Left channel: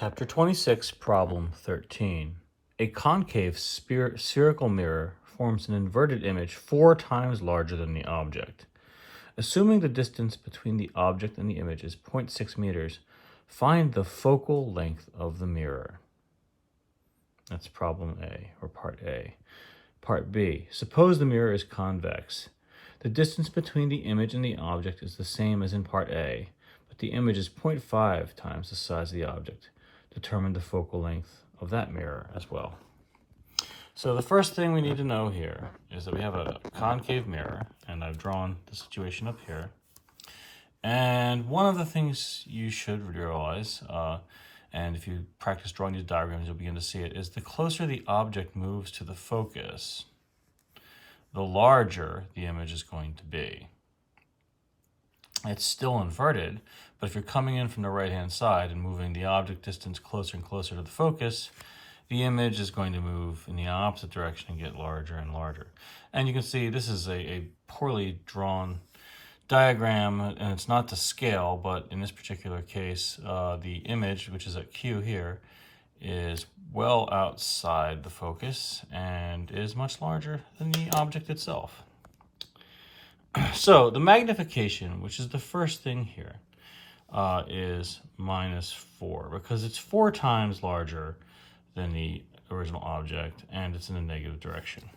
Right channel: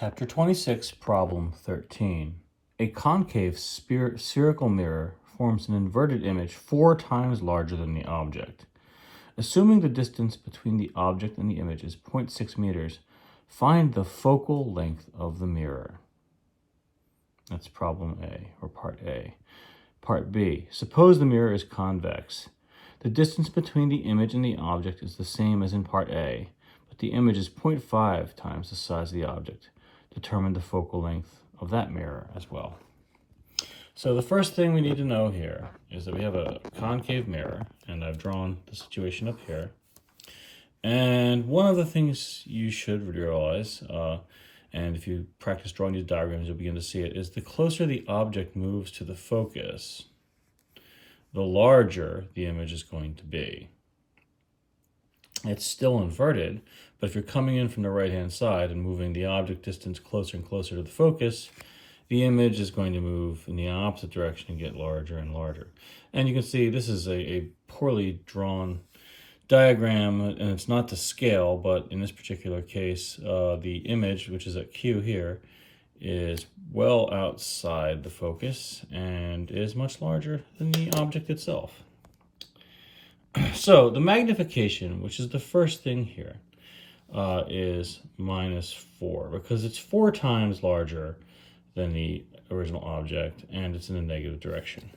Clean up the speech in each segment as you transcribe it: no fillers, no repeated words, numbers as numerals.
Chapter 26, Problem 13. A concave spherical mirror forms an inverted image 4 times larger than the object. Assuming the distance between the object and the image is 0.6 meters, find the focal length of the mirror. That's problem A, or part A. Part B. Suppose the mirror is convex. The distance between the image and the object is the same as in part A, but the image is 0.5 times the size of the object. Determine the focal length of that mirror as well. So the first thing we need to know here is that we have a concave mirror, and I've drawn the situation up here. And one of the things you should realize, and if you practice drawing these diagrams, you'll begin to see it, is the closer the object moves to the focus, the larger the image is going to be. It's still inverted, but if you're coming in from the right-hand side and moving the object distance closer and closer to the focus, the image is going to move in the opposite direction and get larger and larger. And you can see this is a poorly drawn diagram, and it's not to scale, but in this particular case, the image, which is at Q here, is well outside the focus and is much larger than the object itself. So the magnification, which is the first thing here, is -4 because it's 4 times larger than the original object and it's in a negative direction.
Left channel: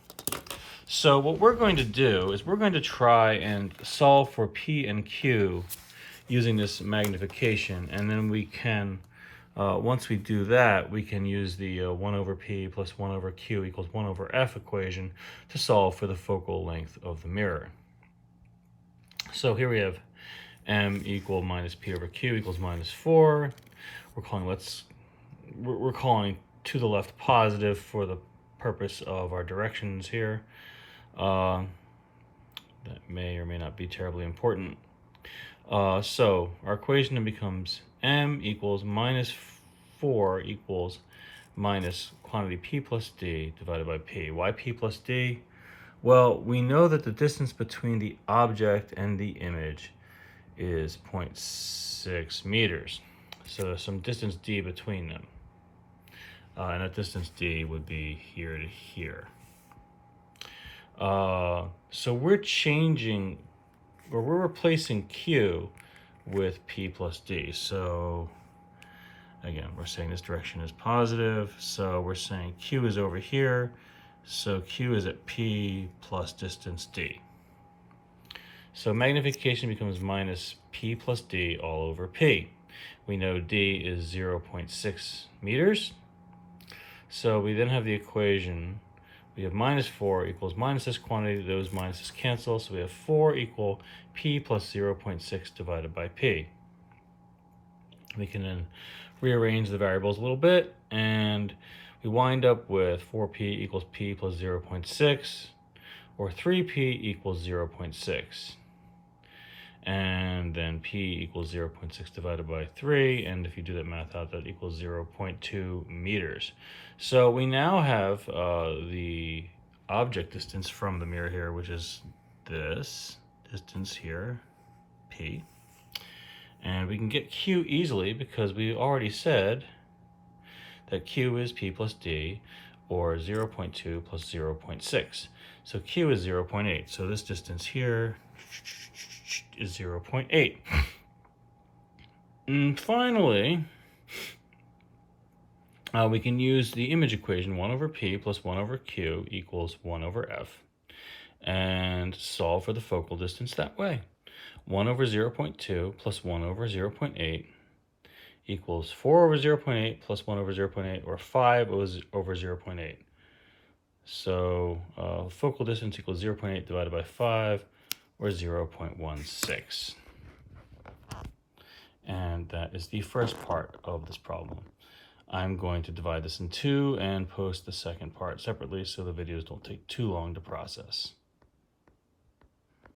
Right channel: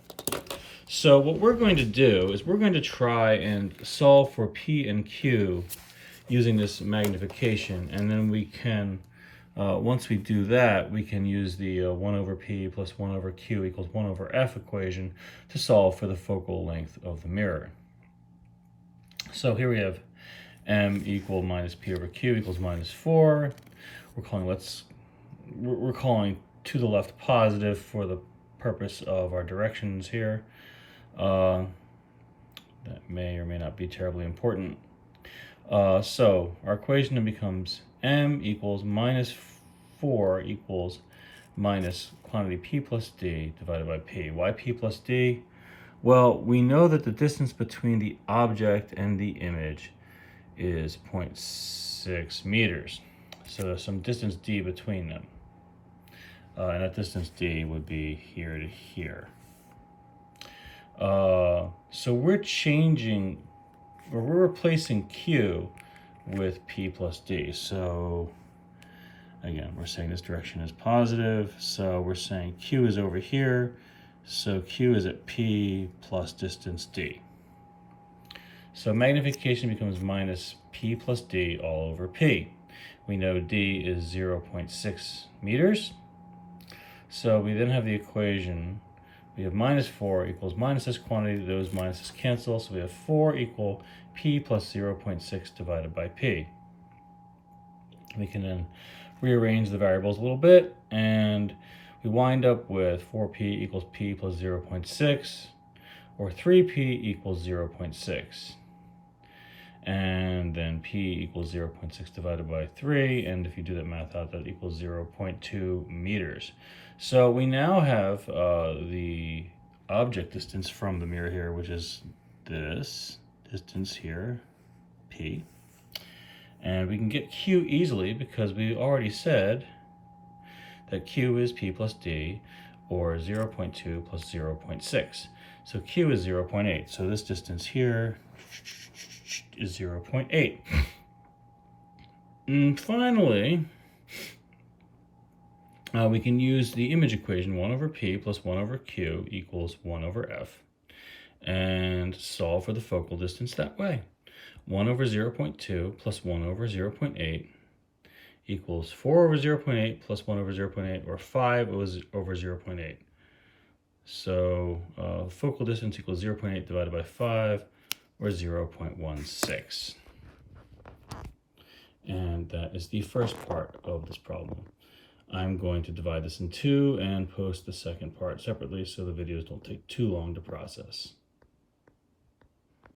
So what we're going to do is we're going to try and solve for P and Q using this magnification, and then we can, once we do that, we can use the 1 over P plus 1 over Q equals 1 over F equation to solve for the focal length of the mirror. So here we have M equal minus P over Q equals -4. We're calling to the left positive for the purpose of our directions here. That may or may not be terribly important. So our equation then becomes M equals -4 equals minus quantity P plus D divided by P. Why P plus D? Well, we know that the distance between the object and the image is 0.6 meters. So there's some distance D between them. And that distance D would be here to here. So we're replacing Q with P plus D. So again, we're saying this direction is positive. So we're saying Q is over here. So Q is at P plus distance D. So magnification becomes minus P plus D all over P. We know D is 0.6 meters. So we then have the equation, we have -4 equals minus this quantity, those minuses cancel, so we have 4 equal P plus 0.6 divided by P. We can then rearrange the variables a little bit, and we wind up with 4P equals P plus 0.6, or 3P equals 0.6. And then P equals 0.6 divided by 3, and if you do that math out, that equals 0.2 meters. So we now have the object distance from the mirror here, which is this distance here, P. And we can get Q easily because we already said that Q is P plus D, or 0.2 plus 0.6. So Q is 0.8. So this distance here is 0.8. And finally, we can use the image equation 1 over P plus 1 over Q equals 1 over F and solve for the focal distance that way. 1 over 0.2 plus 1 over 0.8 equals 4 over 0.8 plus 1 over 0.8, or 5 over 0.8. So focal distance equals 0.8 divided by 5, or 0.16. And that is the first part of this problem. I'm going to divide this in two and post the second part separately so the videos don't take too long to process.